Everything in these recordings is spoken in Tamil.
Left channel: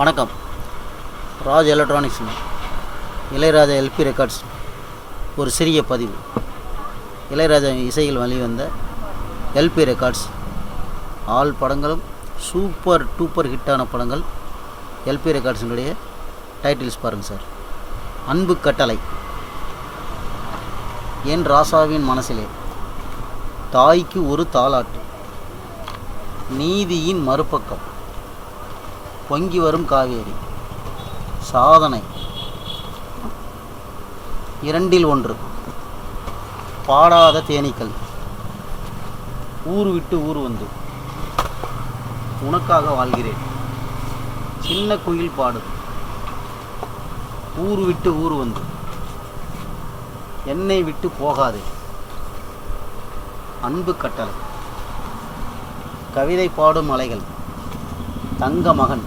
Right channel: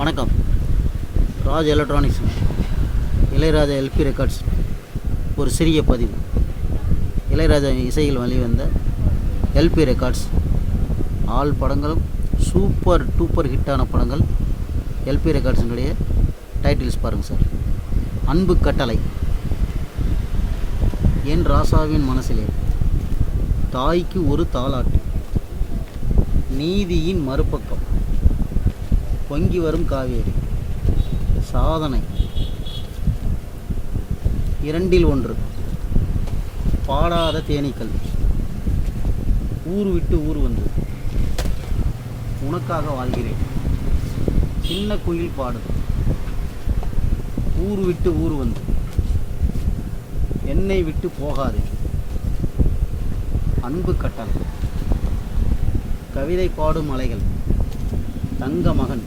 வணக்கம். Raj electronics Ilaiyaraaja LP records ஒரு சிறிய பதிவு. இளையராஜா இசையில் வெளிவந்த எல்பி ரெக்கார்ட்ஸ் ஆல் படங்களும் சூப்பர் டூப்பர் ஹிட்டான படங்கள். எல்பி ரெக்கார்ட்ஸினுடைய டைட்டில்ஸ் பாருங்கள் சார். அன்பு கட்டளை, என் ராசாவின் மனசிலே, தாய்க்கு ஒரு தாலாட்டு, நீதியின் மறுபக்கம், பொங்கி வரும் காவேரி, சாதனை, இரண்டில் ஒன்று, பாடாத தேனீக்கள், ஊர் விட்டு ஊர் வந்து, உனக்காக வாழ்கிறேன், சின்ன குயில் பாடுது, ஊர் விட்டு ஊர் வந்து, என்னை விட்டு போகாதே, அன்பு கட்டளை, கவிதை பாடும் அலைகள், தங்க மகன்,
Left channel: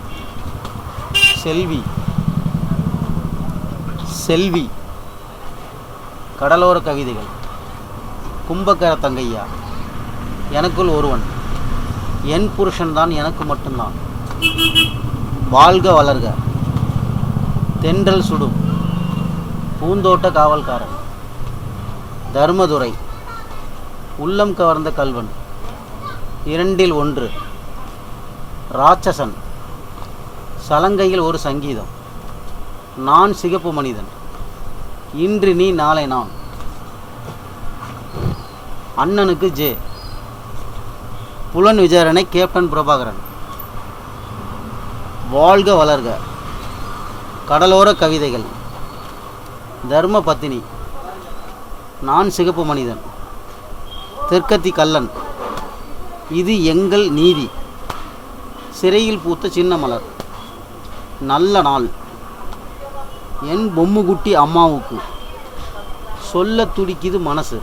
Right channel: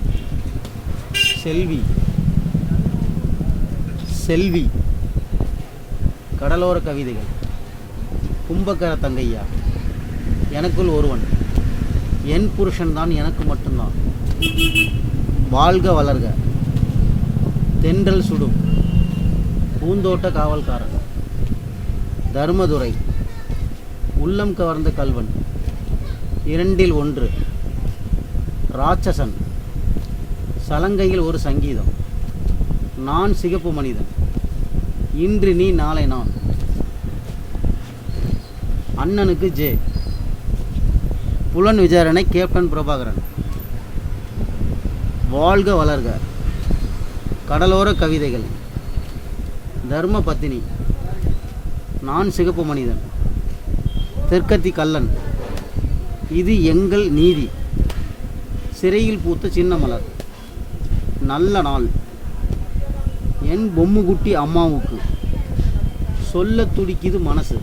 செல்வி, செல்வி, கடலோர கவிதைகள், கும்பகர தங்கையா, எனக்குள் ஒருவன், என் புருஷன்தான் எனக்கு மட்டும்தான், வாழ்க வளர்க, தென்றல் சுடும், பூந்தோட்ட காவல்காரன், தர்மதுரை, உள்ளம் கவர்ந்த கல்வன், இரண்டில் ஒன்று, ராட்சசன், சலங்கையில் ஒரு சங்கீதம், நான் சிகப்பு மனிதன், இன்று நீ நாளை நான், அண்ணனுக்கு ஜே, புலன் விசாரணை கேப்டன் பிரபாகரன், வாழ்க வளர்க, கடலோர கவிதைகள், தர்ம பத்தினி, நான் சிகப்பு மனிதன், தெற்கத்தி கல்லன், இது எங்கள் நீதி, சிறையில் பூத்த சின்ன மலர், நல்ல நாள், என் பொம்முக்குட்டி அம்மாவுக்கு, சொல்ல துடிக்குது மனசு,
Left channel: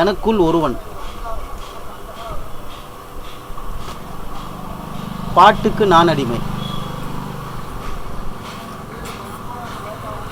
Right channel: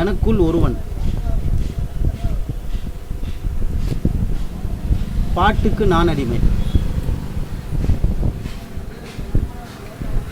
எனக்குள் ஒருவன், பாட்டுக்கு நான் அடிமை.